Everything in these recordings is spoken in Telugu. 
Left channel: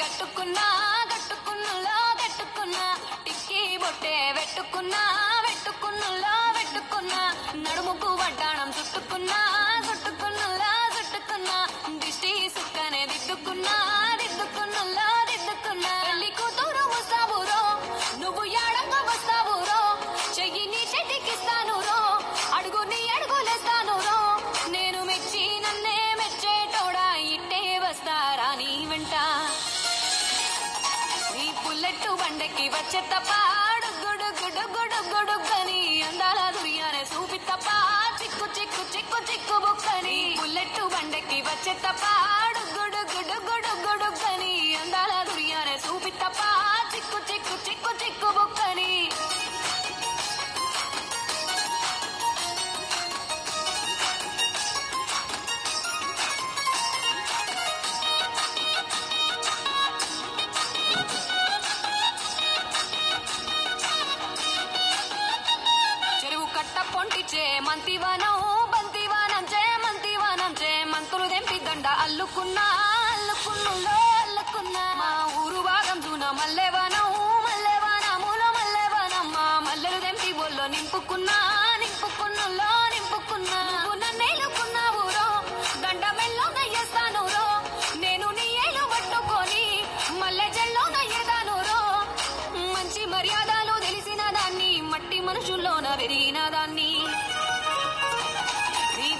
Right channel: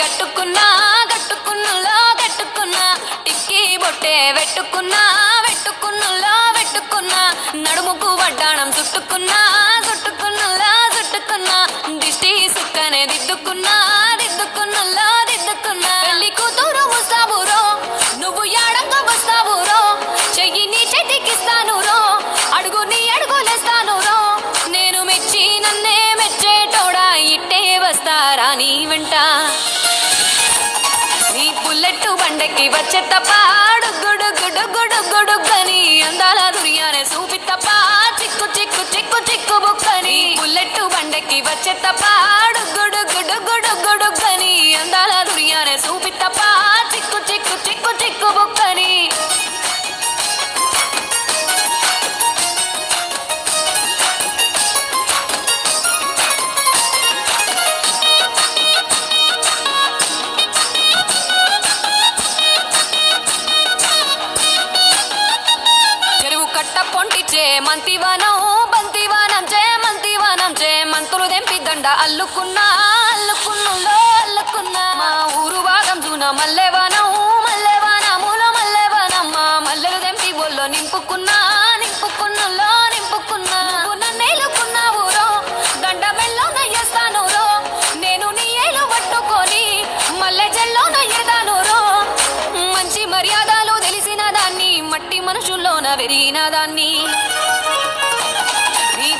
గట్టుకున్నా గట్టుకున్నలో గట్టుకున్నా టిక్కీ బొట్టే వెట్టుకున్నా వెట్టుకున్నలో వెట్టుకున్నా నడుముకు వడ్డాణం చుట్టుకున్నా చుట్టుకున్నలో చుట్టుకున్నా దిష్టి సుక్కనే దిద్దుకున్నా దిద్దుకున్నలో దిద్దుకున్నా పెళ్లి కూతురు వస్తావురో నువ్వు యాడంగా వస్తావురో చెయ్యి నీ చేతికిస్తాను రో అడుగు నీ అడుగులేస్తాను రో నేను మెచ్చి నన్నే మెచ్చేటోడా ఇట్టే వస్తారా నీ వెంట నీ బుల్లెట్ బండకి వచ్చే తప్ప గుడుగుడుగుడుగుడుగని అందాల దుర్యానే చూపి తప్ప చిక్కు చిక్కు చిక్కు చిక్కు బుక్కని బుల్లెట్ బండకి వచ్చే తప్ప గుడుగుడుగుడుగుడుగని అందాల దుర్యానే చూపి తప్ప చిక్కు చిక్కు చిక్కు చిక్కు బుక్కని మంతివనం బంతివనం మంతివనం మంతులు దెంపి దండ అల్లుకున్నా అల్లుకున్నులో అల్లుకున్నా మా ఊరు భాగం జూన మల్లెవనం మల్లెవనముల మల్లెవనం మా మల్లెలు దెంపి ఒళ్ళో నింపుకున్నా నింపుకున్నులో నింపుకున్నా నన్నేలుకున్నావు రో దండ మెల్లో నయ్యేస్తాను రో నేను నీ ఏలు పట్టుకొని మల్లె జల్లో నయ్యేదాను రో మంచి మర్యాదలు తెలిసిన దాన్ని మట్టి మనుషుల్లోన వెరిగిన దాన్ని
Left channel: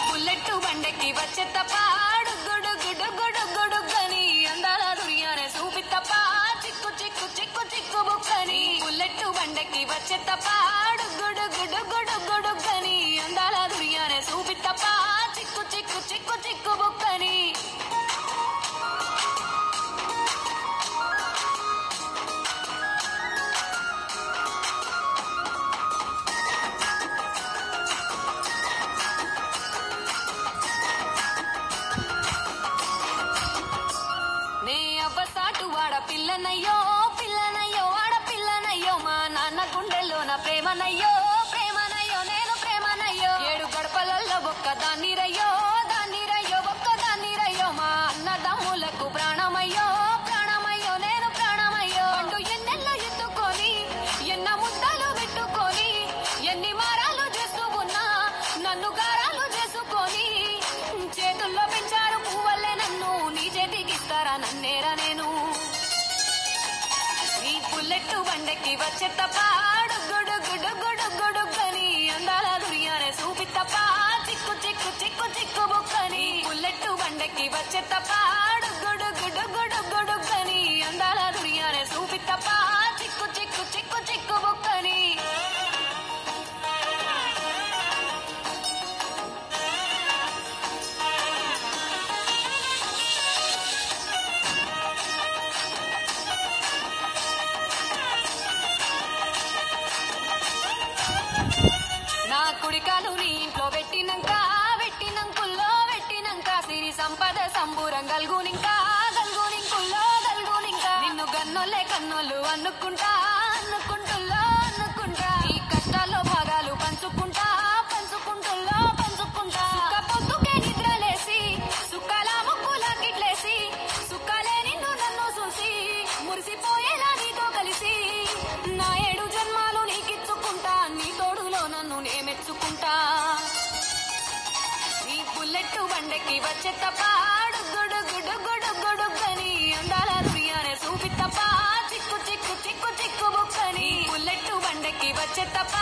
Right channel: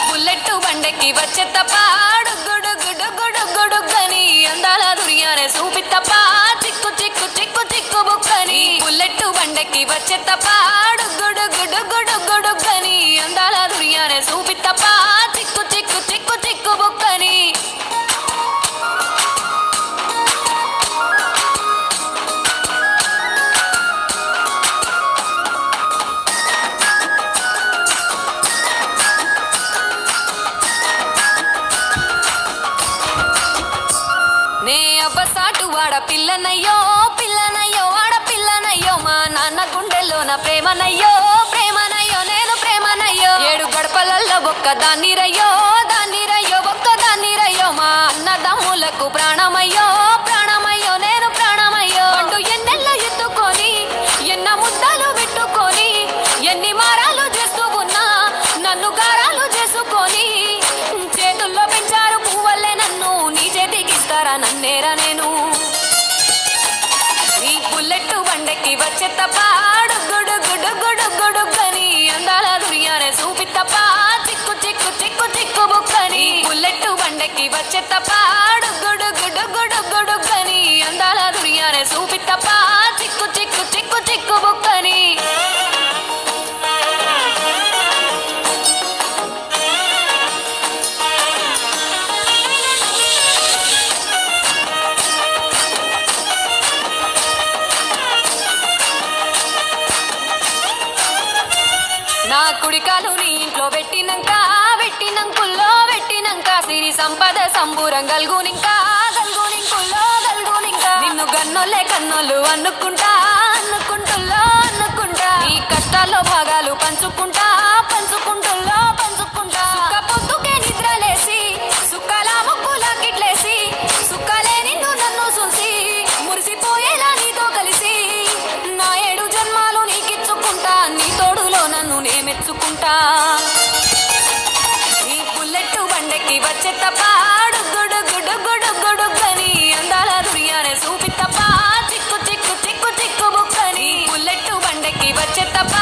బుల్లెట్ బండకి వచ్చే తప్ప గుడుగుడుగుడుగుడుగని అందాల దుర్యానే చూపి తప్ప చిక్కు చిక్కు చిక్కు చిక్కు బుక్కని బుల్లెట్ బండకి వచ్చే తప్ప గుడుగుడుగుడుగుడుగని అందాల దుర్యానే చూపి తప్ప చిక్కు చిక్కు చిక్కు చిక్కు బుక్కని పిల్లనయ్యో పిల్లనయ్యో ఆడపిల్లనయ్యో మా నాన్న గుండెల్లోన ప్రేమనయ్యో ప్రేమనయ్యో నేను ప్రేమనయ్యో 7 గడపలల్లో ఒక్కదాన్ని రయ్యో దాన్ని రయ్యో ఒక్కదాన్ని రయ్యో మా అన్నదమ్ములకు ప్రాణమయ్యో ప్రాణమయ్యో నేను ప్రాణమయ్యో అంటూ ఎన్నెల్లో ఎత్తుకొని ఎన్న ముద్దలు పెట్టుకొని ఎన్ని మారాలు చేస్తూ ఉన్నా నన్ను గారాలు చేసుకొని చేతుల్లో పెంచారు పువ్వల్లే నన్ను నీ చేతికిస్తారా నన్నేరా నేను బుల్లెట్ బండకి వచ్చే తప్ప గుడుగుడుగుడుగుడుగని అందాల దుర్యానే చూపి తప్ప చిక్కు చిక్కు చిక్కు చిక్కు బుక్కని బుల్లెట్ బండకి వచ్చే తప్ప గుడుగుడుగుడుగుడుగని అందాల దుర్యానే చూపి తప్ప చిక్కు చిక్కు చిక్కు చిక్కు బుక్కని కుడికాలు నీ ఇంట్లో పెట్టినంక పెట్టినంకుల్లో పెట్టినంక సిరి సంపద సంబూరం గల్గునింకా గల్గునింకుల్లో గల్గునింకా నిన్ను గన్నోళ్ళే కన్నోళ్ళు అనుకుంటా అనుకుంటుల్లో అనుకుంటా ఈ కష్టాల్లో భాగాలు పంచుకుంటా పంచుకుంటుల్లో పంచుకుంటా సుఖ పొద్దుకే నిద్రలేసి సుఖాల ముక్కులా కిట్లేసి సుఖాలే నిన్ను నన్ను చూసి మురిసిపోయేలా నీతో కలిసి నా 7 జన్మాలు నీకిచ్చుకుంటా నీ తోడులో నన్ను నే మెచ్చుకుంటా ఈ బుల్లెట్ బండకి వచ్చే తప్ప గుడుగుడుగుడుగుడుగని అందాల దుర్యానే చూపి తప్ప చిక్కు చిక్కు చిక్కు చిక్కు బుక్కని బుల్లెట్ బండకి వచ్చే తప్ప